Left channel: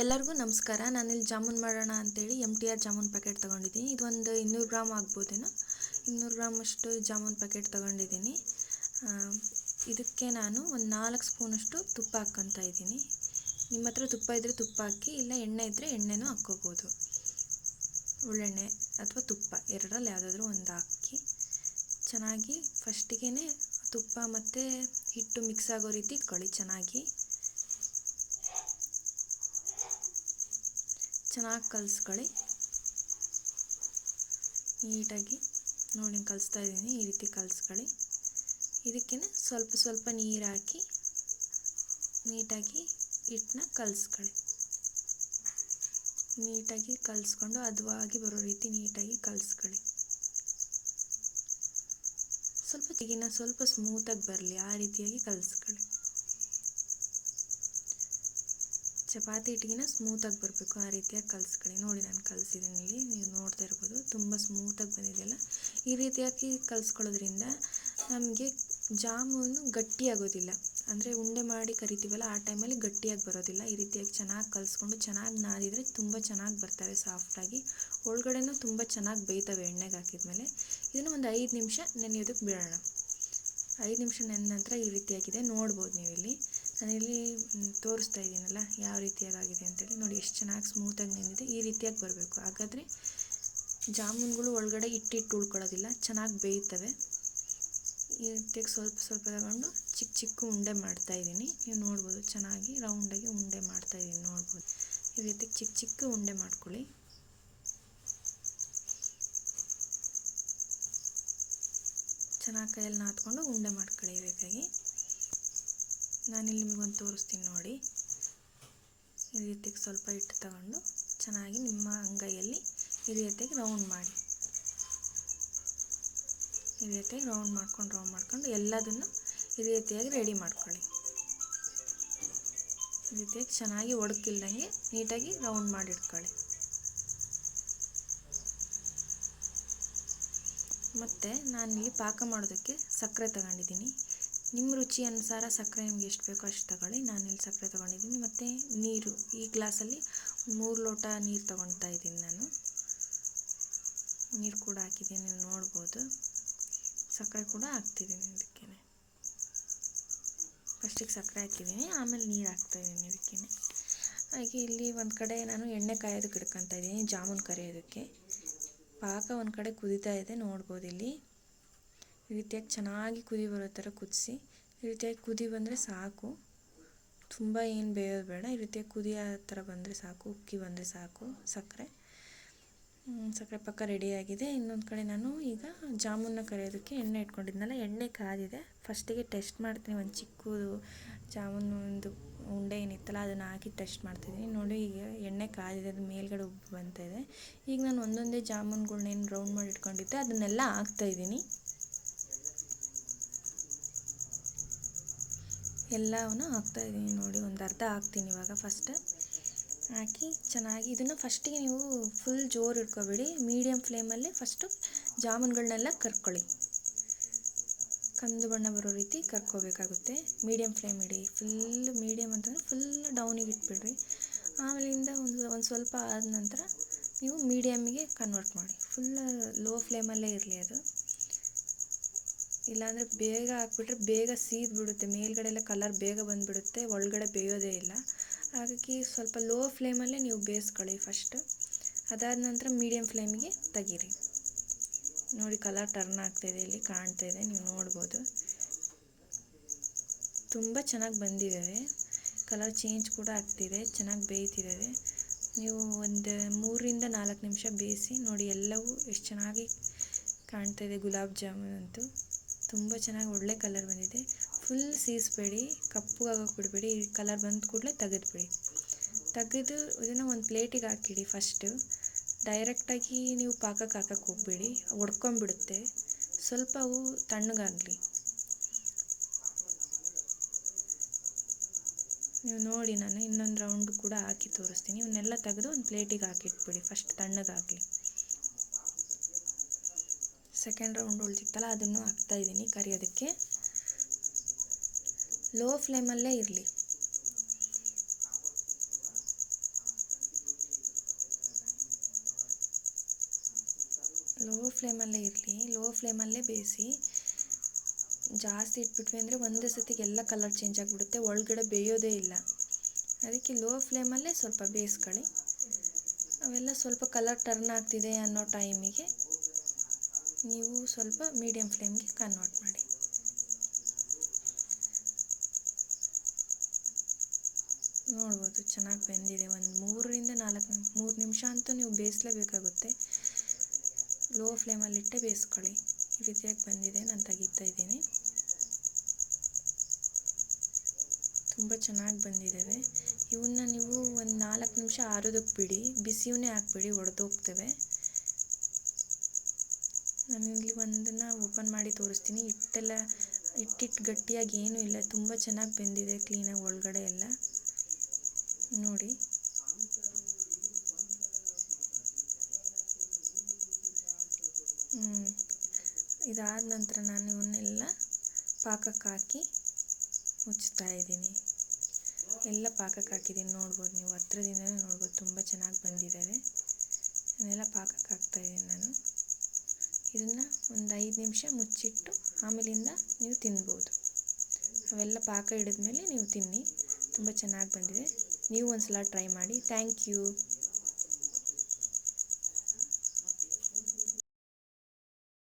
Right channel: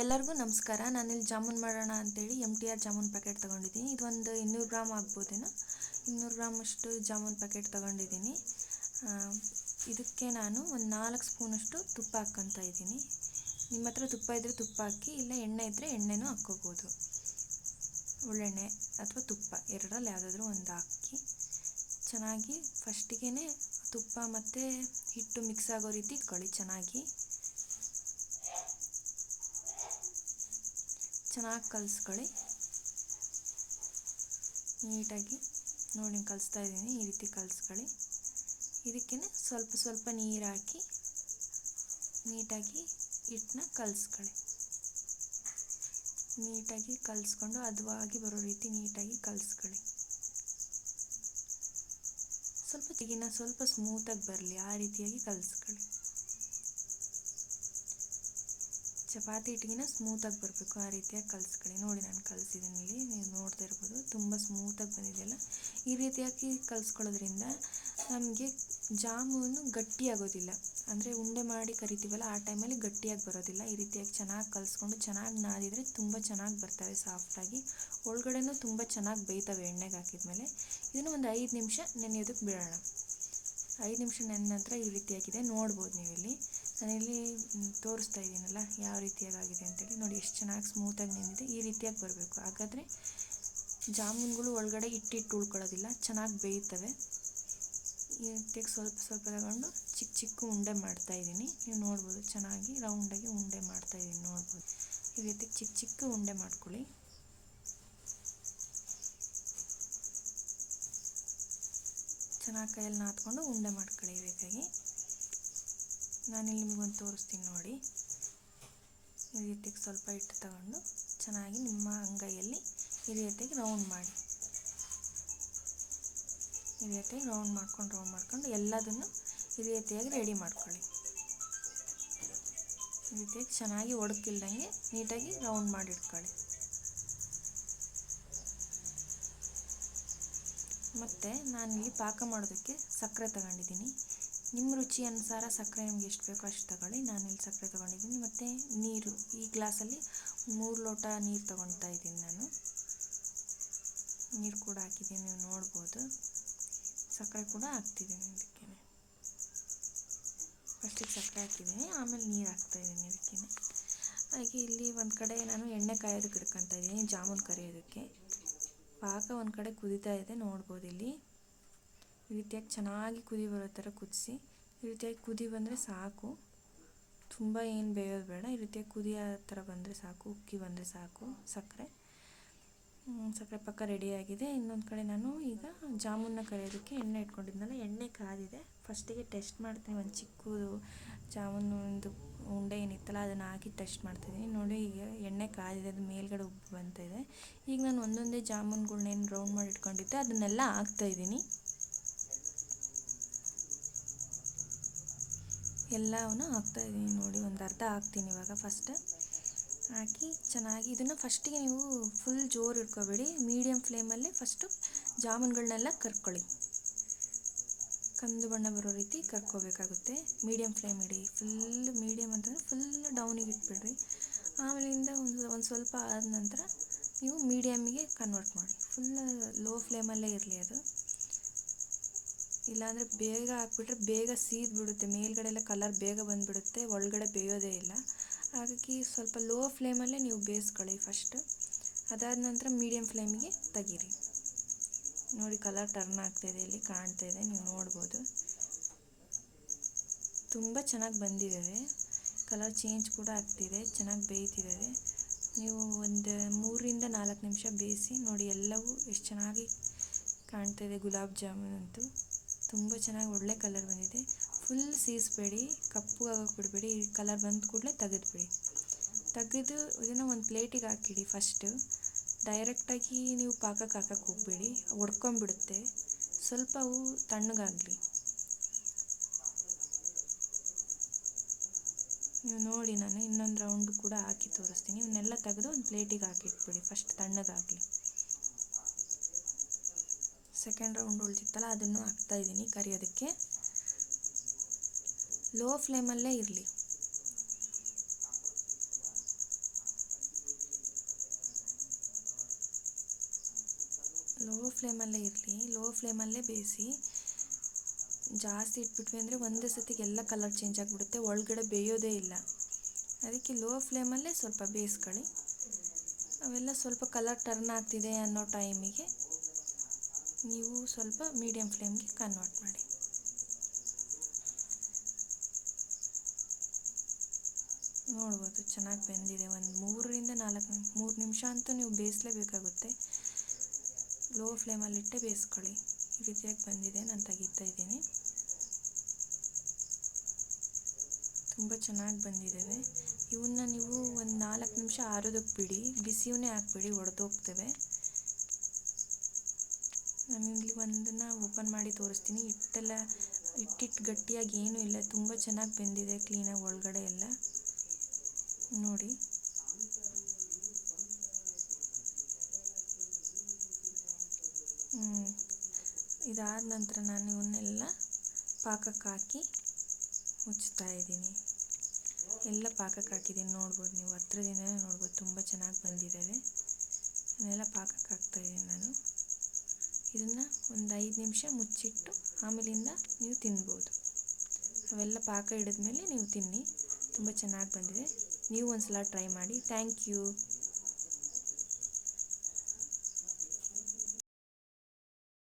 ಎಲ್ಲರಿಗೂ ನಮಸ್ಕಾರ. ನಾನಿಲ್ಲಿ ಜಾಮೂನ್ ಮಾಡೋಣ ಅಂತೇಳಿ MTR ಜಾಮೂನ್ ಪ್ಯಾಕೆಟ್ ತೊಗೊಂಡಿದ್ದೀನಿ. ಇದು ಒಂದು 200 ಗ್ರಾಮ್ ಆಗ್ಬೋದೇನೋ. 200 ಗ್ರಾಮ್ ಅಷ್ಟು ಜಾಮೂನ್ ಪ್ಯಾಕೆಟ್ ತೊಗೊಂಡಿದ್ದೀನಿ. ಇದಕ್ಕೆ ನಾನು ಒಂದು 4 ಸ್ಪೂನಷ್ಟು ತುಪ್ಪ ಹಾಕ್ಕೊತಾ ಇದ್ದೀನಿ. ನಿಮ್ಮ ಹತ್ರ ತುಪ್ಪ ಇದ್ದರೆ ತುಪ್ಪ ಹಾಕಿ, ಇಲ್ಲ ಎಣ್ಣೆ ಇದ್ದರೆ ಎಣ್ಣೆನೂ ಹಾಕ್ಕೋಬೋದು. ಒಳ್ಳೆಣ್ಣೆ ಅಥವಾ ತುಪ್ಪ ಎರಡರಲ್ಲಿ ಯಾವುದಾದ್ರೂ ಒಂದು ಹಾಕಿ ಚೆನ್ನಾಗಿ ಫಸ್ಟಿಗೆ ತುಪ್ಪ ಮತ್ತು ಹಿಟ್ಟು ಮಿಕ್ಸ್ ಆಗೋ ರೀತಿ ಇಟ್ಕೊಳ್ಳಿ. ಚೆನ್ನಾಗಿ ಕಲಿಸ್ಕೊಳ್ಳಿ. ನೀಟಾಗಿ ನೋಡಿ ಕಲಿಸ್ತಾ ಇದ್ದೀನಿ. ಈ ರೀತಿ ಕಲಿಸ್ಕೊಳ್ಳಿ. ಇದಕ್ಕೆ ಸ್ವಲ್ಪ ನೀರು ಹಾಕಿ ನೀಟಾಗಿ ಹಿಟ್ಟನ್ನ ಕಲಿಸ್ಕೊಳ್ಳಿ. ನೀಟಾಗಿ ಕಲಿಸ್ಕೊಂಡು ಹದವಾಗಿ ಬರೋ ರೀತಿ ನೀಟಾಗಿ ಕಲಿಸ್ಕೊಳ್ಳಿ. ಸ್ವಲ್ಪ ಸ್ಮೂತಾಗಿ ಬರಲಿ ಆ ರೀತಿಯಾಗಿ ಕಲಿಸ್ಕೊಳ್ಳಿ. ಚಪಾತಿ ಹಿಟ್ಟಿಗಿನ ಸ್ಮೂತಾಗಿ ಬರಬೇಕು, ಆ ರೀತಿಯಾಗಿ ಕಲಿಸ್ಕೊಳ್ಳಿ. ನೋಡಿ ನಾನು ಕಲಿಸಿದ್ದೀನಿ, ಇಲ್ಲಿ ನೀವು ನೋಡ್ತಾ ಇರ್ಬೋದು ತುಂಬ ಸ್ಮೂತಾಗಿ ಬಂದಿದೆಯಲ್ಲ. ಈ ರೀತಿಯಾಗಿ ಕಲಿಸ್ಕೊಳ್ಳೋದ್ರಿಂದ ನಮಗೆ ಜಾಮೂನು ಗಟ್ಟಿಯಾಗೋದಿಲ್ಲ. ಅಂದರೆ ಉಂಡೆ ಮಾಡಿ ಕರಿತೀವಲ್ಲ ಆ ಟೈಮಲ್ಲಿ ಗಟ್ಟಿಯಾಗಿ ಬರೋದಿಲ್ಲ. ಈ ರೀತಿಯಾಗಿ ಚೆನ್ನಾಗಿ ಕಲಿಸ್ಕೊಂಡು ಚೆನ್ನಾಗಿ ನಾದಿದರೆ ತುಂಬ ಚೆನ್ನಾಗಿ ಬರ್ತವೆ, ಸಾಫ್ಟಾಗಿ. ಒಳಗಡೆನೂ ತುಂಬ ಚೆನ್ನಾಗಿ ಬೇಯ್ತವೆ ಎಣ್ಣೆಗೆ ಹಾಕಿದ್ಮೇಲೆ. ಇದನ್ನು ಒಂದು 5 ನಿಮಿಷ ನೆನೆಯೋದಕ್ಕೆ ಬಿಡೋಣ. 5 ನಿಮಿಷ ನೆನೆದ ನಂತರ ಈ ರೀತಿಯಾಗಿದೆ, ನೋಡ್ಬೋದು ನೀವಿಲ್ಲಿ. ನಾನಿಲ್ಲಿ ತೋರಿಸ್ತಾ ಇದ್ದೀನಲ್ಲ ಯಾವ ರೀತಿಯಾಗಿ ಆಗಿದೆ ಅಂತೇಳಿ. ನೋಡಿ ಎಷ್ಟು ಚೆನ್ನಾಗಿ ಸ್ಮೂತಾಗಿ ನೆನೆದಿದೆ. ಈ ರೀತಿಯಾಗಿ ಬರಬೇಕು. ಹಾಗಾದರೆ ಜಾಮೂನುಗಳು ಒಳಗಡೆ ಹಿಟ್ಟು ಉಳ್ಕೊಳ್ಳೋದಿಲ್ಲ, ಚೆನ್ನಾಗಿ ಬೇಯ್ತವೆ. ಈ ರೀತಿಯಾಗಿ ಸ್ವಲ್ಪ ತಗೊಂಡು ಚಿಕ್ಕ ಉಂಡೆ ಮಾಡ್ತಾಯಿದ್ದೀನಿ. ನೀವು ನೋಡ್ಬೋದು ಚೆನ್ನಾಗಿ ರೌಂಡಾಗಿ ಉಂಡೆ ಮಾಡ್ತಾಯಿದ್ದೀನಿ, ನೋಡ್ಬೋದು. ಈ ರೀತಿ ಚಿಕ್ಕ ಉಂಡೆ ಮಾಡ್ಕೊಳ್ಳಿ. ಚೆನ್ನಾಗಿ ಕೈಯಲ್ಲಿ ನಾದ್ಕೊಂಡು ಉಂಡೆ ಮಾಡ್ಕೊಳ್ಳಿ. ಈ ರೀತಿಯಾಗಿ ನಾನಿಲ್ಲಿ ನಿಮಗೊಂದು ತೋರಿಸ್ತೀನಿ ನೋಡಿ. ಈ ರೀತಿಯಾಗಿ ಸ್ವಲ್ಪ ಹಿಟ್ಟು ತಗೊಂಡು ಚೆನ್ನಾಗಿ ನಿಮ್ಮ ಅಂಗೈಯಲ್ಲಿ ಈ ರೀತಿಯಾಗಿ ರೌಂಡ್ ಮಾಡಿ. ಈ ರೀತಿಯಾಗಿ ರೌಂಡ್ ಮಾಡ್ಕೊಂಡು ಎಲ್ಲದನ್ನು ಈ ರೀತಿಯಾಗಿ ರೆಡಿ ಮಾಡ್ಕೊಳ್ಳಿ. ಈ ರೀತಿಯಾಗಿ ಚೆನ್ನಾಗಿ ಒಡಕಿಲ್ದಂಗೆ ನೀಟಾಗಿ ರೌಂಡ್ ಮಾಡಿಟ್ಕೊಳ್ಳಿ. ಮತ್ತು ನಾನಿಲ್ಲಿ ಪಾಕ ಮಾಡೋದಕ್ಕೆ ಸಕ್ಕರೆ ತಗೊಂಡಿದ್ದೀನಿ. ನಿಮ್ಮ ರುಚಿ ಅನುಸಾರ ಸಕ್ಕರೆ ನಿಮ್ಗೆ ಎಷ್ಟು ಬೇಕೋ ಅಷ್ಟು ತಗೊಳ್ಳಿ. ನಾನಿಲ್ಲಿ ಸಕ್ಕರೆ ತೊಗೊಂಡಿದ್ದೀನಿ. ಮತ್ತು ನೀರು ಈ ಗ್ಲಾಸಲ್ಲಿ 3 ಲೋಟ ನೀರು ತೊಗೊಳ್ತಾ ಇದ್ದೀನಿ ನಾನು. ನೀರು ಕೂಡ ಹಾಕಿದ್ದೀನಿ, ನೀವು ನೋಡ್ಬೋದು. ಸಕ್ಕರೆ ಕೂಡ ಹಾಕ್ತಿದ್ದೀನಿ ಇದಕ್ಕೆ. ಫಸ್ಟಿಗೆ ಸಕ್ಕರೆ ಹಾಕಿದ್ದೀನಿ, ಆಮೇಲೆ ನೀರು ಹಾಕ್ತಾಯಿದ್ದೀನಿ ಇದಕ್ಕೆ. ಹಾಗೆ ಇಲ್ಲಿ ಒಂದು ಕಡೆ ನಾನು ಎಣ್ಣೆ ಕಾಯೋದಕ್ಕೆ ಇಡ್ಕೊತಾ ಇದ್ದೀನಿ ಜಾಮೂನು ಕರಿಯೋದಕ್ಕೆ. ಪಾಕ ಒಂದು ಕಡೆ ಕುದೀತಾ ಇದೆ, ನೋಡ್ಬೋದು ಇಲ್ಲಿ. ಈ ರೀತಿಯಾಗಿ ಚೆನ್ನಾಗಿ ಕುದಿ ಬರೋ ಥರ ಕುದಿಸಿ. ಈ ರೀತಿಯಾಗಿ ಕುದಿ ಬಂದರೆ ಸಾಕು, ತುಂಬ ಏನು ಬೇಯೋದು ಬೇಡ. ಈ ರೀತಿಯಾಗಿ ಕುದಿಯೋ ಥರ ಬಂದರೆ ಸಾಕು, ಉಕ್ಕಿ ಬಂದರೆ ಸಾಕು. ಸಕ್ಕರೆ ಪಾಕ ರೆಡಿಯಾಗಿದೆ. ಇನ್ನೊಂದು ಕಡೆ ನಾನು ಈಗ ಜಾಮೂನ ಕರಿಯೋದಕ್ಕೆ ಎಣ್ಣೆ ಇಟ್ಕೊಂಡಿದ್ನಲ್ಲ, ಎಣ್ಣೆ ಕಾದಿದೆ. ಫಸ್ಟಿಗೆ ಟೆಸ್ಟ್ ಮಾಡ್ತೀನಿ. ಒಂದು ಚಿಕ್ಕದು ಜಾಮೂನು ಒಂದು ಉಂಡೆ ಏನಿತ್ತಲ್ಲ ಅದನ್ನು ಹಾಕಿ ಟೆಸ್ಟ್ ಮಾಡ್ತಿದ್ದೀನಿ. ನೋಡಿ ಈಗ ಎಣ್ಣೆ ಕಾದಿದೆ, ಅದು ಮೇಲ್ಗಡೆ ಉಬ್ಬು ಬಂತಾಯಿದೆ. ಈಗ ನಾನು ಒಂದೊಂದೇ ಜಾಮೂನುಗಳ್ನೇನು ರೌಂಡ್ ಮಾಡಿ ಇಟ್ಕೊಂಡಿದ್ದೆ ಅದನ್ನೆಲ್ಲ ಹಾಕ್ತಾಯಿದ್ದೀನಿ. ಎಲ್ಲವನ್ನು ಹಾಕ್ತಾಯಿದ್ದೀನಿ ನೋಡಿ. ಒಂದು ಅರ್ಧ ಹಾಕ್ತೀನಿ ಇವಾಗ. ಫಸ್ಟ್ ಹಾಕಿ ಚೆನ್ನಾಗಿ ಇದನ್ನು ಫಸ್ಟಿಗೆ ನೀವು ಫುಲ್ ಜೋರು ಇಟ್ಕೋಬೇಡಿ, ಮೀಡಿಯಮ್ ಫ್ಲೇಮಲ್ಲೇ ಫಸ್ಟು ಜಾಮೂನುಗಳನ್ನೆಲ್ಲ ಕರ್ಕೊಳ್ಳಿ. ಕಂದು ಬಣ್ಣ ಬರೋ ರೀತಿ ಕರ್ಕೋಬೇಕಾಗುತ್ತೆ. ಮೀಡಿಯಮ್ ಫ್ಲೇಮ್ ಇಡಿ. ಫುಲ್ ಮೀಡಿಯಮ್ ಅಂತಂದರೆ ಫುಲ್ ಡೌನಿಗೆ ಇಟ್ಬಿಡ್ರಿ. ಆಮೇಲಿಂದ ಒಂದು ಸ್ವಲ್ಪ ಆದ ನಂತರ ನೀವು ಮೀಡಿಯಮ್ಮಿಗೆ ಕನ್ವರ್ಟ್ ಮಾಡಿ. ಫುಲ್ ಲೋ ಫ್ಲೇಮಲ್ಲೇ ಇರಲಿ ಅದು. ಇಲ್ಲಾಂದರೆ ಬೇಗ ಹಾಕ್ಬಿಟ್ರೆ ಬೇಗ ಸೀದ್ಬಿಡುತ್ತೆ, ಮೇಲ್ಗಡೆ ಎಲ್ಲ ಕಲರ್ ಬೇಗ ಬಂದುಬಿಡುತ್ತೆ, ಒಳಗಡೆ ಬೇಯೋದೇ ಇಲ್ಲ. ಹಾಗಾಗಿ ಸ್ವಲ್ಪ ಲೋ ಫ್ಲೇಮಲ್ಲೇ ನೀವು ಬೇಯಿಸ್ಕೊಳ್ಳಿ ಫಸ್ಟ್. ಅದಾದ ನಂತರ ಮೀಡಿಯಮ್ ಫ್ಲೇಮಿಗೆ ತೆಗೀರಿ. ನೋಡಿ ಕಲರ್ ಟರ್ನ್ ಆಗ್ತಾಯಿದೆ, ಇಲ್ಲಿ ಕಾಣ್ತಾ ಇದೆ, ನೀವು ನೋಡ್ಬೋದು. ತುಂಬ ಚೆನ್ನಾಗಿ ಬಂದಿದ್ದಾವೆ, ಕಲರ್ ಚೇಂಜ್ ಕೂಡ ಆಗ್ತಿದೆ, ಚೆನ್ನಾಗಿ ಬೇಯ್ತಿದ್ದಾವೆ. ನೀವು ಒಂದು 3ರಿಂದ 4 ನಿಮಿಷ ಬೇಯಿಸಿ ನೋಡಿ. ಎಲ್ಲವೂ ಎಷ್ಟು ಚೆನ್ನಾಗಿ ಕಾಣ್ತಾಯಿದೆ. ಗುಲಾಬ್ ಜಾಮೂನ್ ಅಂತೂ ತುಂಬ ಚೆನ್ನಾಗಿ ಒಳ್ಳೆ ಕಲರ್ ಬಂದಿದೆ. ಫುಲ್ ಸೀಸ್ಬೇಡಿ, ಕಪ್ಪುಗಾಗೋಕೆ ಬಿಡಬೇಡಿ. ಈ ಕಲರ್ ಬಂದ ಕೂಡಲೇ ತೆಗೆದು ಇದನ್ನು ಒಂದು ಪ್ಲೇಟಿಗೆ ಹಾಕಿಡಿ. ಫಸ್ಟು ಡೈರೆಕ್ಟಾಗಿ ನೀವು ಪಾಕಕ್ಕೆ ಹಾಕಕ್ಕೆ ಹೋಗಬೇಡಿ, ಒಡ್ಕೊಂಬಿಡುತ್ತೆ. ಸ್ವಲ್ಪ ಅವು ತಣ್ಣಗಾಗಲಿ. ನೀವು ನೋಡಿ, ನಾನು ಇನ್ನೊಂದು ರೌಂಡು ಕೂಡ ಹಾಕಿ ತೋರಿಸ್ತೀನಿ. ಇವನ್ನೆಲ್ಲ ತೆಗೆದು ಒಂದು ಪ್ಲೇಟಿಗೆ ಹಾಕಿಟ್ಬಿಡಿ, ಫಸ್ಟ್ ತಣ್ಣಗಾಗಲಿ. ಸೆಕೆಂಡ್ ರೌಂಡ್ ಉಳಿದಿತ್ತಲ್ಲ ಅದನ್ನು ಹಾಕ್ತಾಯಿದ್ದೀನಿ ಕರಿಯೋದಕ್ಕೆ. ಲೋ ಫ್ಲೇಮಲ್ಲೇ ಇರಲಿ. ಲೋ ಫ್ಲೇಮಲ್ಲೇ ಇರಲಿ, ಲೋ ಫ್ಲೇಮಲ್ಲೇ ಬೇಯಿಸಿ. ಜಾಸ್ತಿ ಇಟ್ಬಿಟ್ವಿ ಅಂದರೆ ಒಂದೇ ಸತಿಗೆ ಎಲ್ಲ ಕಲರ್ ಚೇಂಜ್ ಆಗಿಬಿಡುತ್ತೆ, ಒಳಗಡೆ ಬೇಯೋದೇ ಇಲ್ಲ. ಅದಕ್ಕೆ ಲೋ ಫ್ಲೇಮಲ್ಲೇ ಸ್ವಲ್ಪ ಬೇಯಿಸ್ಕೊಳ್ಳಿ. ಅವೆಲ್ಲ ಸ್ವಲ್ಪ ಕಲರ್ ಟರ್ನ್ ಆಗ್ತಿದೆ ಅನ್ನೋ ಟೈಮಿಗೆ ನೀವು ಸ್ವಲ್ಪ ಮೀಡಿಯಮ್ ಫ್ಲೇಮ್ಗೆ ಕನ್ವರ್ಟ್ ಮಾಡಿ. ನೋಡ್ಬೋದು ಚೆನ್ನಾಗಿ ಬೆಂದಿದೆ. ಒಂದು 3 ನಿಮಿಷ ಅಂತೂ ನೀವು ಬೇಯಿಸಲೇಬೇಕಾಗುತ್ತೆ. ಲೋ ಫ್ಲೇಮಲ್ಲಿಟ್ಟೆ ಬೇಯಿಸ್ಕೊಳ್ಳಿ. ಈ ರೀತಿಯಾಗಿ ಬಂದಿದೆ, ನಾನು ತೆಗಿತಾ ಇದ್ದೀನಿ. ತುಂಬ ಚೆನ್ನಾಗಿ ಬಂದಿದ್ದಾವೆ. ಇವನ್ನ ನೀವು ಒಂದು 4 ನಿಮಿಷ ಆರೋದಕ್ಕೆ ಬಿಡಿ, ಬಿಸಿಯವನ್ನೇ ಹಾಕ್ಬಿಡಿ, ಒಡೆದೋಗ್ತವೆ. ನಾನಿಲ್ಲಿ ಒಂದನ್ನು ಓಪನ್ ಮಾಡಿ ತೋರಿಸ್ತೀನಿ. ಹಿಟ್ಟಿಟ್ಟು ಗಟ್ಟಿಯಾಗಿ ಏನೂ ಇಲ್ಲ, ತುಂಬ ಚೆನ್ನಾಗಿ ಬೆಂದಿದೆ ಕ್ಲೀನಾಗಿ ಒಳಗಡೆ ಎಲ್ಲ. ನೋಡಿ, ಇದಾದ ನಂತರ ನಾನು ಇವನ್ನೆಲ್ಲ ಪಾಕಕ್ಕೆ ಹಾಕಿ ಮುಚ್ತಾ ಇದ್ದೀನಿ. ಎಲ್ಲ ಪಾಕಕ್ಕೆ ಹಾಕಿದ್ದೀನಿ, ನೋಡ್ಬೋದು ನೀವು ಹತ್ರದಿಂದಲೇ ನೋಡ್ಬೋದು, ತುಂಬ ಚೆನ್ನಾಗಿ ಬಂದಿದ್ದಾವೆ. ಇದನ್ನೆಲ್ಲ ಪಾಕಕ್ಕೆ ಹಾಕ್ತಾಯಿದ್ದೀನಿ ನಾನು. ಇದನ್ನು ಒಂದು 5 ನಿಮಿಷ ಮುಚ್ಚಿಟ್ಟು ಆಮೇಲಿಂದ ನೀವು ತಿನ್ಬೋದು. ಅವೆಲ್ಲ ಪಾಕ ಹಿಡಿದ್ಮೇಲೆ ನೀವು ತಿನ್ನಿ. ತುಂಬ ಚೆನ್ನಾಗಿ ಬಂದಿದೆ. ನೀವು ಒಂದು ಸಲ ಟ್ರೈ ಮಾಡಿ. Thank you.